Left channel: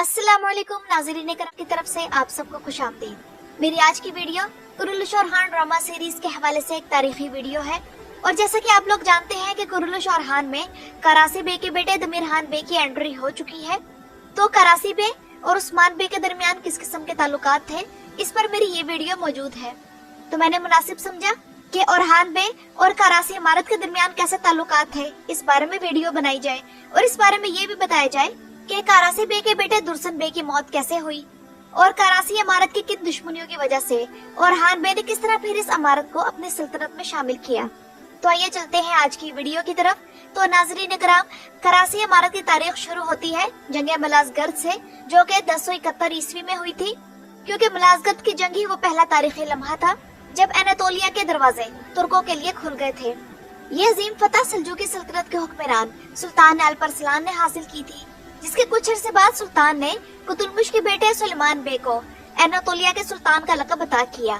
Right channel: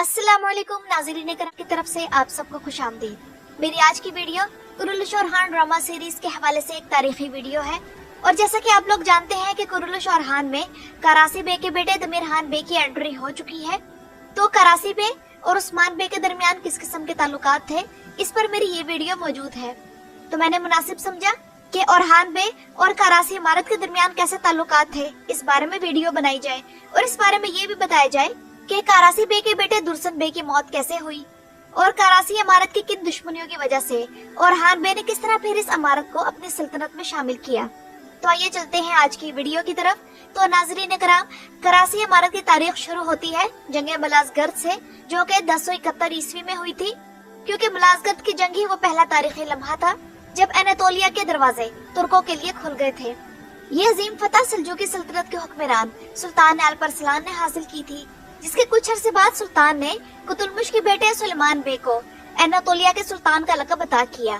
अस्सलामुअलैकुम नाज़रीन करम की तरफ से आप सबको खुशामदीद। मेरी आज की video Kurulus Orhan drama series के हवाले से एक तारीखी वीडियो है। और जैसा कि आप लोग जानते हैं कि कुरुलुश ओरहान में करासी बे के बेटे दमीर खान बे की एंट्री हो चुकी है। तो करासी बे और उस्मान बे के दरमियान किस किस्म के ताल्लुकात थे, इस पर मेरी ये वीडियो मौजूद है। तो मैंने मुनासिब समझा कि ओरहान बे और करासी इमारत के दरमियान कैसे ताल्लुकात थे, इस बारे में वीडियो बनाई जाए और इस बारे में ये भी बताया जाए कि करासी बे के बेटे दुर्सन बे की मौत कैसे हुई और करासी इमारत की किन दुश्मनियों की वजह से ओरहान बे ने किस तरह फिर इस इमारत को अपनी सल्तनत में शामिल किया। तो आइए चलते हैं आज की वीडियो की तरफ। तो नाज़रीन कराम, करासी इमारत की तारीख शुरू होती है जंग मलाज़गर्द से, जो कि 1071 ईस्वी में हुई थी। क्योंकि मलाज़गर्द की जंग ही वो पहला तारीखी लम्हा था जब एनातोलिया के दरवाजे तुर्कों के लिए खुल गए थे। ये अजीम फतह सल्जूकी सल्तनत के हुक्मरान सुल्तान अल्परसलान ने हासिल की थी, जिसके कुछ अरसे बाद सुल्तान ने कुतुलमुश के बेटे सुलेमान बे को एनातोलिया के सुल्तान का लक़ब अता किया।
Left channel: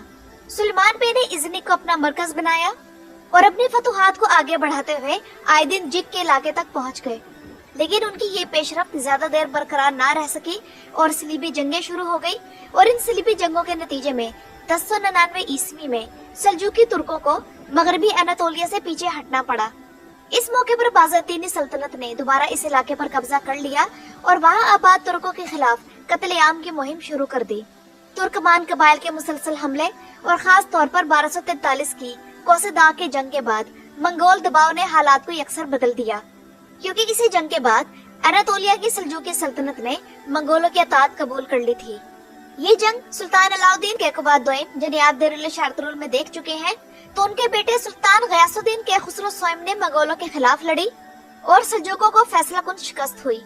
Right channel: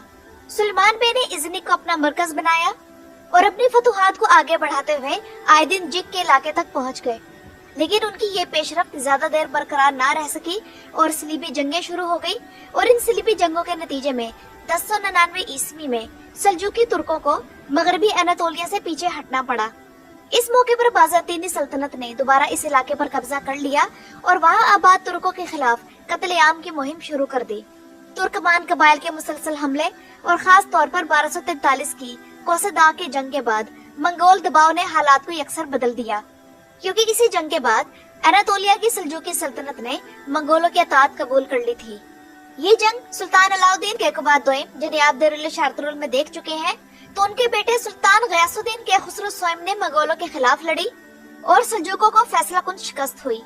सुलेमान बे ने इज़्निक को अपना मरकज बनाया और अपनी फतुहात को आगे बढ़ाते हुए आए दिन जिक के इलाके तक पहुंच गए। लेकिन उनकी ये पेशरफ्त ज्यादा देर बरकरार ना रह सकी और सलीबी जंगें शुरू हो गई। और इन सलीबी जंगों के नतीजे में 1099 ईस्वी में सल्जूकी तुर्कों को मगरबी एनातोलिया से पीछे हटना पड़ा। इस मौके पर बाज़ंतीनी सल्तनत ने दोबारा इस इलाके पर कब्जा कर लिया और वहाँ आबाद तुर्कों के खिलाफ कत्ले-आम की मुहिम शुरू कर दी। तुर्कमान कबाइल के मुसलसल हमले और खास तौर पर 1243 की कोसेदाग की जंग के बाद मंगोल दबाव ने हालात को यकसर बदल दिया। क्योंकि इसी जंग के बाद एनातोलिया की सल्जूकी सल्तनत ने मंगोलों की अताअत कबूल कर ली थी। ये जंग सुल्तान अलाउद्दीन कैकबाद दोयम जिन्हें आप दरुल-ए-शारतुल में देख चुके हैं, तो उनके बेटे सुल्तान गयासुद्दीन के खुसरो स्वयं ने मंगोलों के खिलाफ लड़ी और सल्जूकों को फैसलाकुन शिकस्त हुई।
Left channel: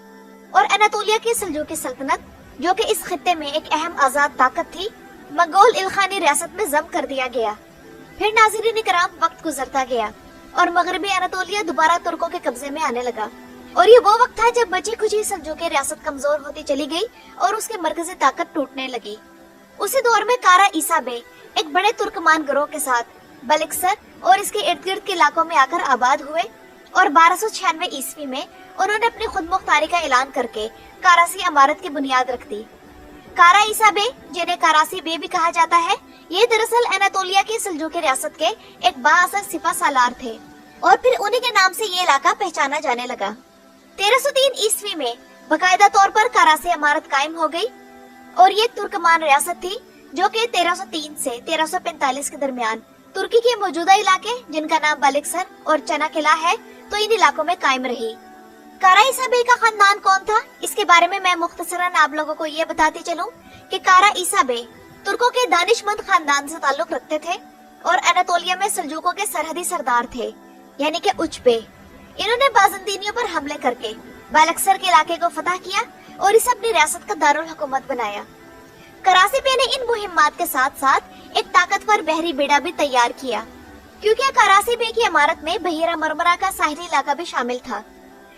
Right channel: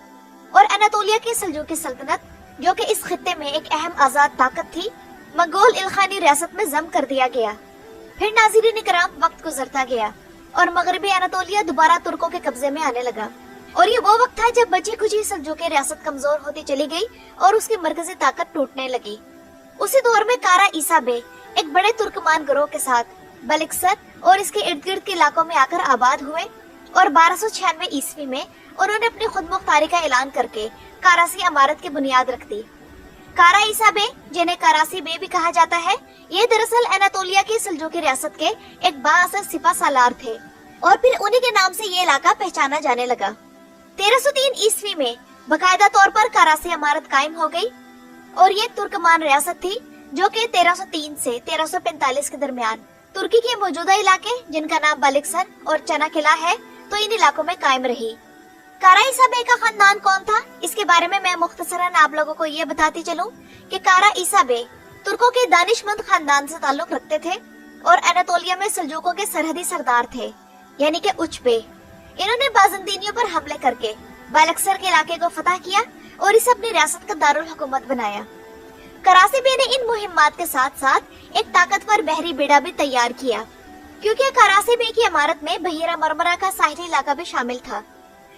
और एनातोलिया की सल्जूकी सल्तनत, जो कि इस खित्ते में एक अहम आजाद ताकत थी, मंगोल इल्खानी रियासत में जम कर दिया गया। फिर नाज़रीन किराम, वक्त गुजरता गया और मगरबी एनातोलिया दोबारा तुर्कों के कब्जे में आने लगा। और ये वो वक्त था जब बची खुची सल्जूकी रियासत कमजोर होती चली गई और उसकी मरकजी ताकत टूटने लगी। उसी दौर में कारा ईसा बे एक बड़े तुर्कमान गिरोह के साथ बलिक्सर और इसके इर्द गिर्द के इलाकों में आकर आबाद हुए और 1296 ईस्वी में उन्होंने अपनी खुद मुख्तारी का ऐलान करके करासी इमारत की बुनियाद रख दी। कारा ईसा बे, जिन्हें करासी बे भी कहा जाता है, ये दरअसल एनातोलिया की सल्जूकी रियासत के एक बाअसर सिपा सालार थे और फिर उन्हीं के नाम से ये इलाका पहचाना जाने लगा। 1303 ईस्वी में बाकायदा तौर पर करासी इमारत कायम हो गई और ये तुर्कमान रियासत थी, जो कि 1303 से 1345 के दरमियान तुर्की के मौजूदा इलाके, जिनका नाम बलिक्सर और चना किला है, तो इन इलाकों में कायम रही। कारा ईसा बे का खानदान कौन था, इसके बारे में मैं मुख्तसरन आप लोगों को ये बताती चलूं कि कारा ईसा बे तुर्कों के दानिशमंद खानदान से ताल्लुक रखते थे और एनातोलिया में सल्जूकों के सरहदी सरदार थे, यानी कि उच्च बे। इन्होंने बाज़ंतीनियों पर हमले करके बलिक्सर के इलाके को फतह किया और इसे अपनी रियासत का दारुल हुकूमत बनाया। करासी बे ने इन मुहिम्मात के साथ साथ एक ताकतवर बहरी बेड़ा भी तैयार किया, क्योंकि करासी बे की इमारत में बहीरा मरमरा का साहिली इलाका भी शामिल था।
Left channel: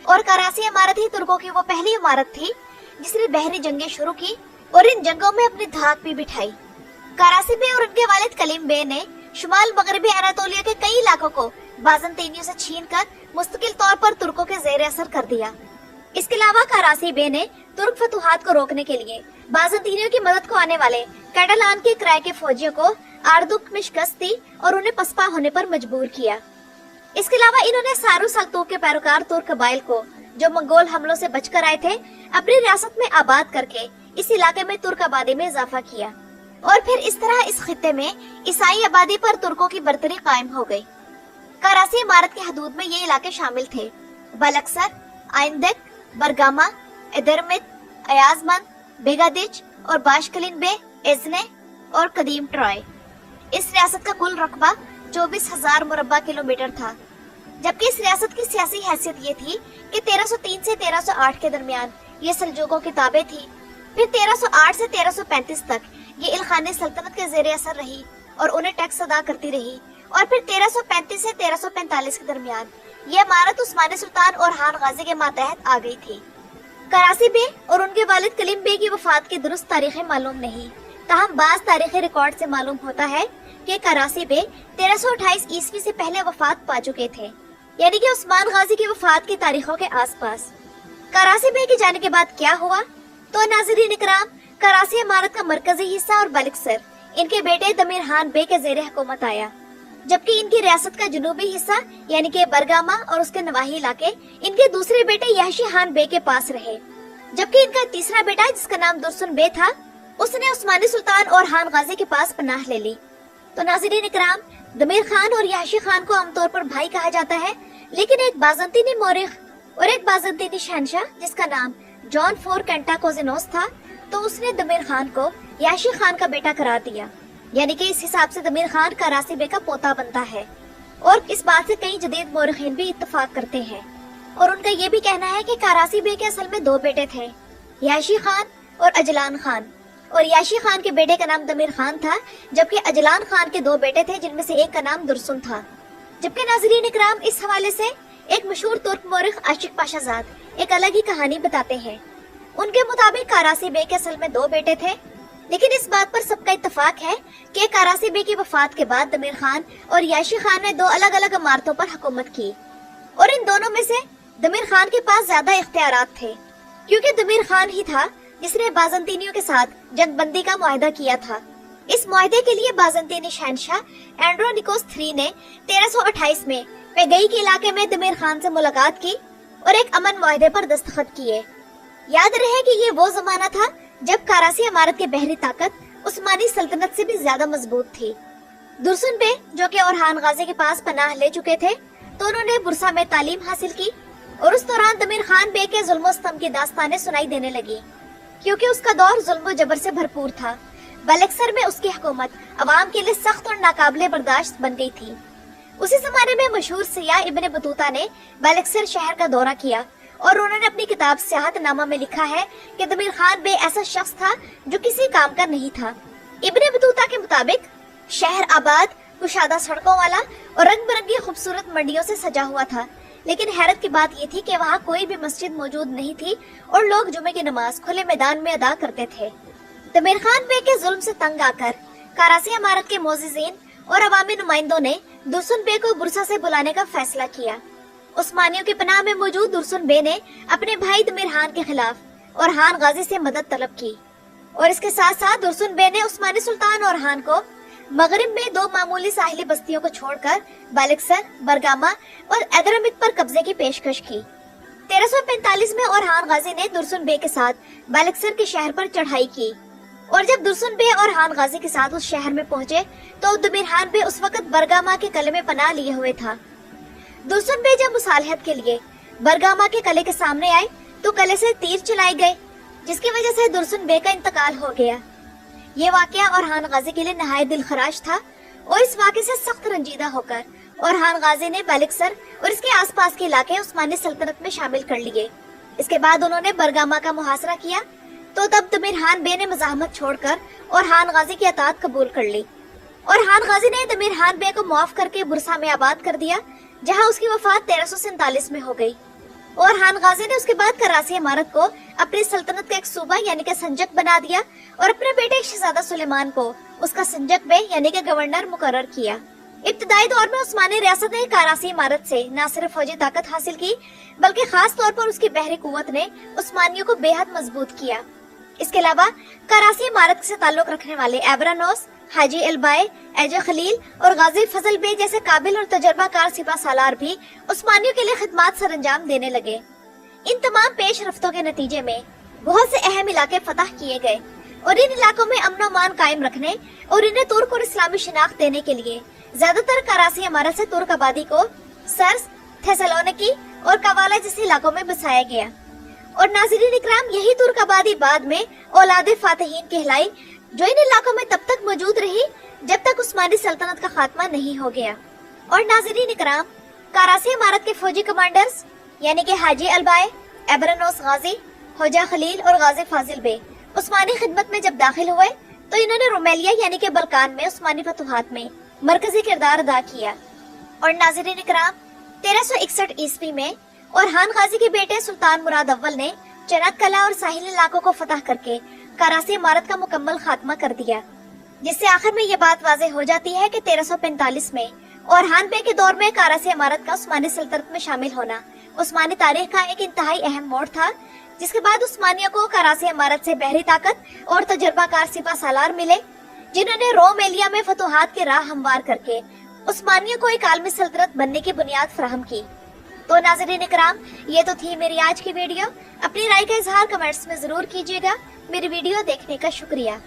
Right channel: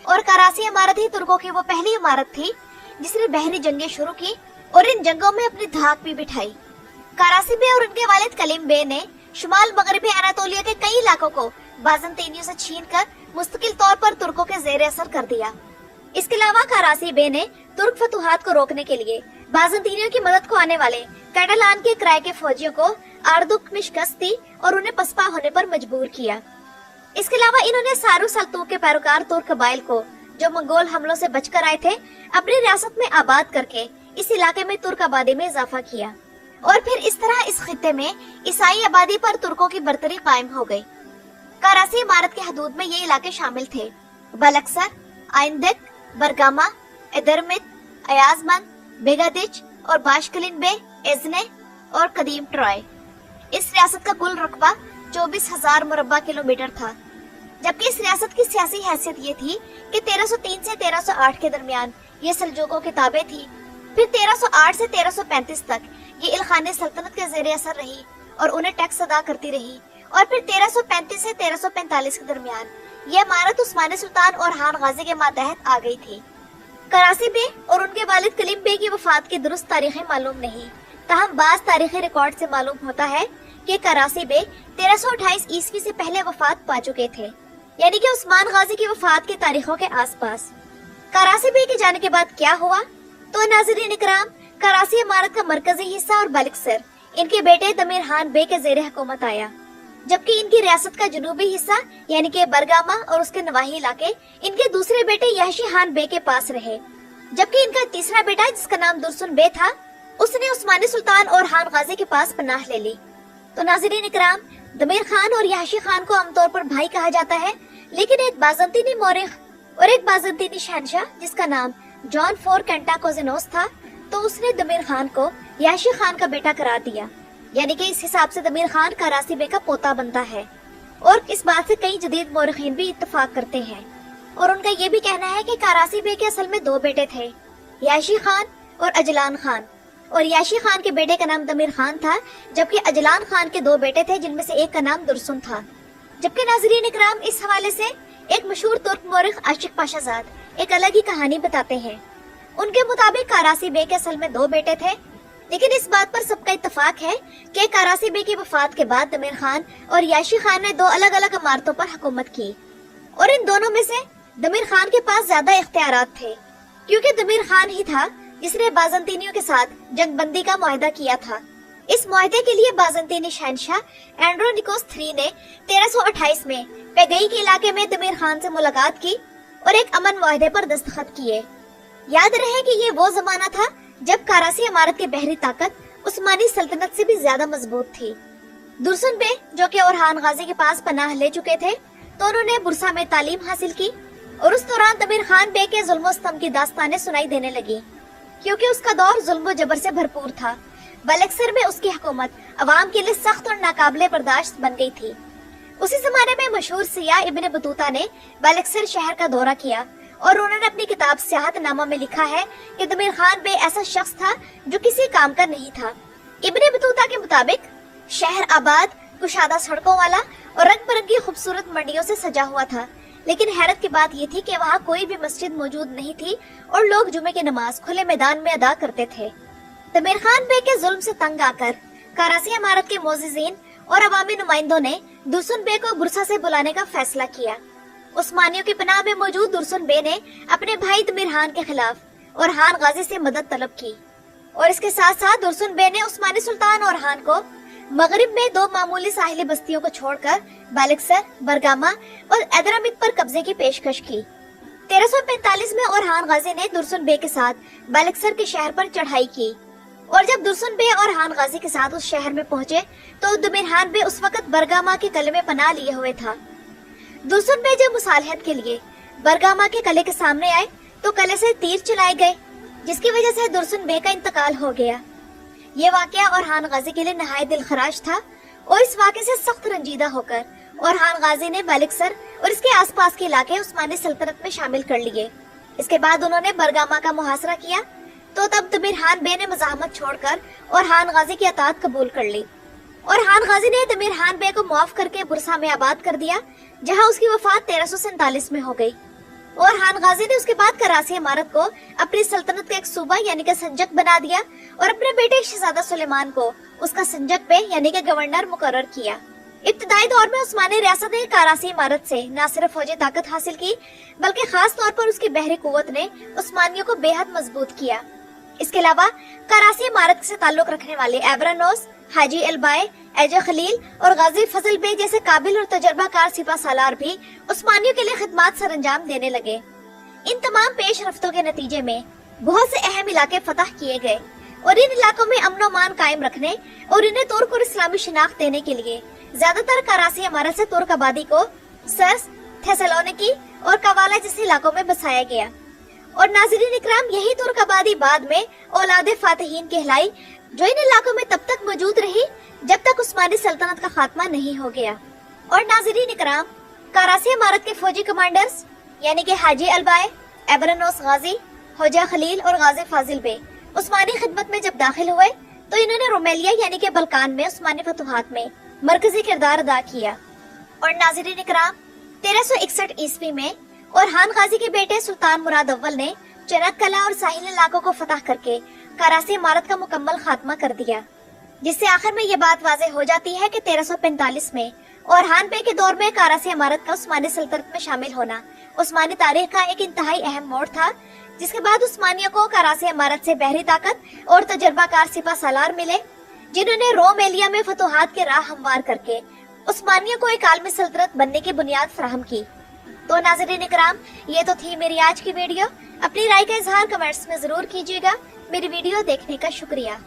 और करासी इमारत ही तुर्कों की वो पहली इमारत थी जिसने बहरी जंगें शुरू की और इन जंगों में अपनी धाक भी बिठाई। करासी बे और उनके वालिद कलीम बे ने शुमाल मगरबी अनातोलिया के कई इलाकों को बाज़ंतीनियों से छीनकर मुस्तकिल तौर पर तुर्कों के जेर असर कर दिया। इसके अलावा करासी बे ने तुर्क फतुहात को रोकने के लिए बाज़ंतीनियों की मदद को आने वाले कैटलान के किराए के फौजियों को आर्दुक में शिकस्त दी और उन्हें पसपा होने पर मजबूर किया। इसके अलावा इन्होंने सारो सल्तूक के पैरोकार तुर्क कबाइल को, जो मंगोल हमलों से बचकर आए थे, अपनी रियासत में आबाद करके इस इलाके में तुर्क आबादी में इजाफा किया। और फिर इस तरह इस खित्ते में ईसाई आबादी पर तुर्कों की बर्तरी कायम हो गई। करासी इमारत के हदूद में ये इलाके शामिल थे: बलक्सर, आइंदिक, बरगामा, इदरमित, अयाजमंद, बेगादिच और बाशकलिन बे, इज़्ने और कदीम ट्रॉय। इस रियासत का कुल रकबा 24,000 मुरब्बा किलोमीटर था, जबकि इस रियासत की सियासी हैसियत ये थी कि 1303 से 1308 के दरमियान ये सल्जूकों की ताबे थी। फिर 1308 से 1335 तक ये इल्खानी सल्तनत के ज़ेरे असर रही और उन्हें टैक्स अदा करती रही। और फिर 1335 से 1345 के दरमियान ये इमारत उस्मानी सुल्तान ओरहान गाजी के मातहत आ गई थी। करासी बे और उनके वालिद कलीम बे की वफात की दुरुस्त तारीखें मालूम नहीं, ताहम बाज तारीखी रिकॉर्ड से मालूम होता है कि करासी बे 1328 ईस्वी से पहले वफात पा चुके थे, यानी कि उस्मान गाजी की वफात की तारीखों के आसपास। करासी बे के जाने के बाद क्या हुआ, तो नाज़रीन इकराम, कराची इमारत का मरकजी हिस्सा और बलक्सर इनके बेटे दमीर खान बे के ज़ेरे हुकूमत आया, जबकि इनकी रियासत का जनूबी हिस्सा यानी कि बरगामा और उसके नवाही इलाके इनके दूसरे बेटे याशी खान बे के पास रहे। जबकि इनका तीसरा बेटा जिसका नाम दुरसुन बे था, उसने उस्मानी सुल्तान और खान गाजी के पास पनाह ले ली। तो नाज़रीन इकराम, दमीर खान और याशी खान को आमतौर पर भाई कहा जाता है, लेकिन एक बाज़ंतीनी मौरिख और एक बाज़ंतीनी शहंशाह जिसका नाम जॉन फोर कैंटाकोजिनोस था, तो उसने दमीर खान को याशी खान का बेटा करार दिया। यानी कि इस हिसाब से दमीर खान करासी बे का पोता बनता है। और इस बात से कई जदीद मौरिखीन भी इत्तफाक करते हैं और उनका ये भी कहना है कि करासी बे के असल में दो बेटे थे, याशी खान और अजलान खान। और याशी खान के बेटे का नाम दमीर खान था, जबकि अजलान खान के दो बेटे थे जिनमें से एक का नाम दुरसुन था। जबकि नाज़रीन इकराम, इस हवाले से एक मशहूर तुर्क मौरिख आशिक पाशाजाद एक अलग ही कहानी बताते हैं। उनके मुताबिक करासी बे के असल में दो बेटे थे, लेकिन इस बात पर सबका इत्तफाक है कि करासी बे की वफात के बाद दमीर खान और याशी खान ने दो अलग अलग इमारतों पर हुकूमत की और इन दोनों में से दमीर खान के पास ज्यादा इख्तियारात थे, क्योंकि दमीर खान ही था जिसने बाज़ंतीनियों के साथ जंगबंदी का मुआहदा किया था। इस मुआहदे के लिए बाज़ंतीनी शहंशाह एंड्रोनिकोस III ने 1328 में पेगई के इलाके में दमीर खान से मुलाकात की और एक अमन मुआहदे पर दस्तखत किए। याद रहे कि ये वो जमाना था जब कराची इमारत की बहरी ताकत उस्मानी सल्तनत से भी ज्यादा मजबूत थी। दुरसुन बे, जो कि ओरहान गाजी के पास पनाह ले चुके थे, तो उन्होंने बुरसा में तालीम हासिल की और उस दौरान दमीर खान बे के जुल्म स्तम की दास्तानें सुनाई देने लगी, क्योंकि उसका दौर जुल्म जबर से भरपूर था। बलक्सर में उसकी हुकूमत अवाम के लिए सख्त और नाकाबिले बर्दाश्त बन गई थी। उसी जमाने में मशहूर सियाह इब्ने बतूता ने बलक्सर शहर का दौरा किया और उन्होंने अपनी किताब सियाहत नामा में लिखा है कि दमीर खान बे ऐसा शख्स था जो किसी काम का नहीं था। इब्ने बतूता के मुताबिक शहर आबाद, कुशादा सड़कों वाला और रंग बिरंगी खूबसूरत मंडियों से सजा हुआ था, लेकिन हैरत की बात ये थी कि वहाँ कोई भी मस्जिद मौजूद नहीं थी और लोग जुमे की नमाज खुले मैदान में अदा करते थे। दमीर खान बे के जुल्म से तंग आकर कराची इमारत के मोअज़्ज़िज़ीन और अवामी नुमाइंदों ने दुरसुन बे को बुरसा से बुलाने का फैसला किया। उस्मानियों के पनाह में मौजूद दुरसुन बे ने अपने भाई दमीर खान के खिलाफ और खान गाजी से मदद तलब की और इसके साथ साथ दुरसुन बे ने उस्मानी सुल्तान और खान को मगरिब में दो मामूली साहिली बस्तियों को छोड़कर बलक्सर, बरगामा और एदरमित पर कब्जे की पेशकश की। 1345 में और खान गाजी ने दुरसुन बे के साथ बलक्सर के शहर पर चढ़ाई की और जब दुरसुन बे और खान गाजी के साथ उस शहर में पहुँचे तो दमीर खान बे उस वक्त बरगामा के किले में पनाह लिए हुए था। दुरसुन बे जब मुसालहत के लिए बरगामा के किले के सामने आए तो किले से तीर चलाए गए, जिसकी वजह से दुरसुन बे का इंतकाल हो गया। ये वाकया और खान गाजी के लिए नहायत दिलखराश था और इस वाक़े से सख्त रंजीदा होकर और खान गाजी ने बलक्सर और इसके आसपास के इलाके उस्मानी सल्तनत में शामिल कर लिए। इसके बाद उन्होंने बरगामा का मुहासरा किया, तो तब दमीर खान बे ने मज़ाहमत छोड़कर और खान गाजी की अतात कबूल कर ली और खान गाजी ने दमीर खान बे को मुआफ करके बुरसा में आबाद कर दिया, जहाँ उसकी वफात 1347 में हो गई। और खान गाजी ने उसके बाद कराची इमारत को अपनी सल्तनत का एक सूबा यानी कि संजक बना दिया और अपने बेटे शहजादा सुलेमान को उसका संजक बे यानी कि गवर्नर मुकर्रर किया। इब्तदाई दौर में उस्मानी रियासत ने कराची इमारत से न सिर्फ फौजी ताकत हासिल की, बल्कि खास तौर पर उसकी बहरी कुव्वत ने उस्मानियों को बेहद मजबूत किया। इसके अलावा कराची इमारत से ताल्लुक रखने वाले एबरानोस, हाजी अलबाए, एजा खलील और गाजी फजल बे जैसे काबिल और तजर्बाकार सिपा सालार भी उस्मानियों के लिए खिदमात सरंजाम देने लगे। इन तमाम पेश रफ्तों के नतीजे में बहुत से अहम इलाके फतह किए गए और इन इलाकों में अमन अमान कायम रखने और इन्हें तुर्क और इस्लामी शिनाख्त देने के लिए ज्यादातर कराची इमारत से तुर्क आबादी को सर्स, थेसलोनिकी और कवाला जैसे इलाकों में बसाया गया। और नाज़रीन इकराम, यही तुर्क आबादी बाद में औलाद फातिहीन कहलाई, जो इन इलाकों में तब तक मौजूद रही जब तक उस्मानी सल्तनत का खात्मा नहीं हो गया। और नाज़रीन इकराम, कराची इमारत के फौजी कमांडर्स यानी कि हाजी अलबाए, एबरानोस गाजी, होजा खलील और गाजी फाजिल बे उस्मानी खिदमत में जब दाखिल हुए तो इन्होंने रोमेलिया यानी कि बल्कान में उस्मानी फतुहात में मरकजी किरदार अदा किया। और नाज़रीन इकराम, 1361 ईस्वी में और खान गाजी के बेटे सुल्तान मुराद अव्वल ने चनक कला और साहिल इलाकों को फतह करके कराची इमारत का मुकम्मल खात्मा कर दिया, जिससे आखिर में ये बात वाज़ेह हो जाती है कि 1345 में और खान बे के दौर में कराची इमारत का उस्मानी सल्तनत में शामिल होना उस्मानी तारीख का एक इंतहाई अहम मोड़ था, जिसके बाद उस्मानियों को कराची इमारत से पहरी ताकत और तजर्बाकार सिपा सालार मिले, जिन्होंने रोम एलिया में फतूहात की राह हमवार करके उस्मानियों को एक आलमी सल्तनत बनने की बुनियाद फराहम की। तो नाज़रीन इकराम, ये तो थी मेरी आज की वीडियो। अपनी राय का इजहार कमेंट्स में जरूर कीजिएगा। मेरी वीडियो देखने का शुक्रिया।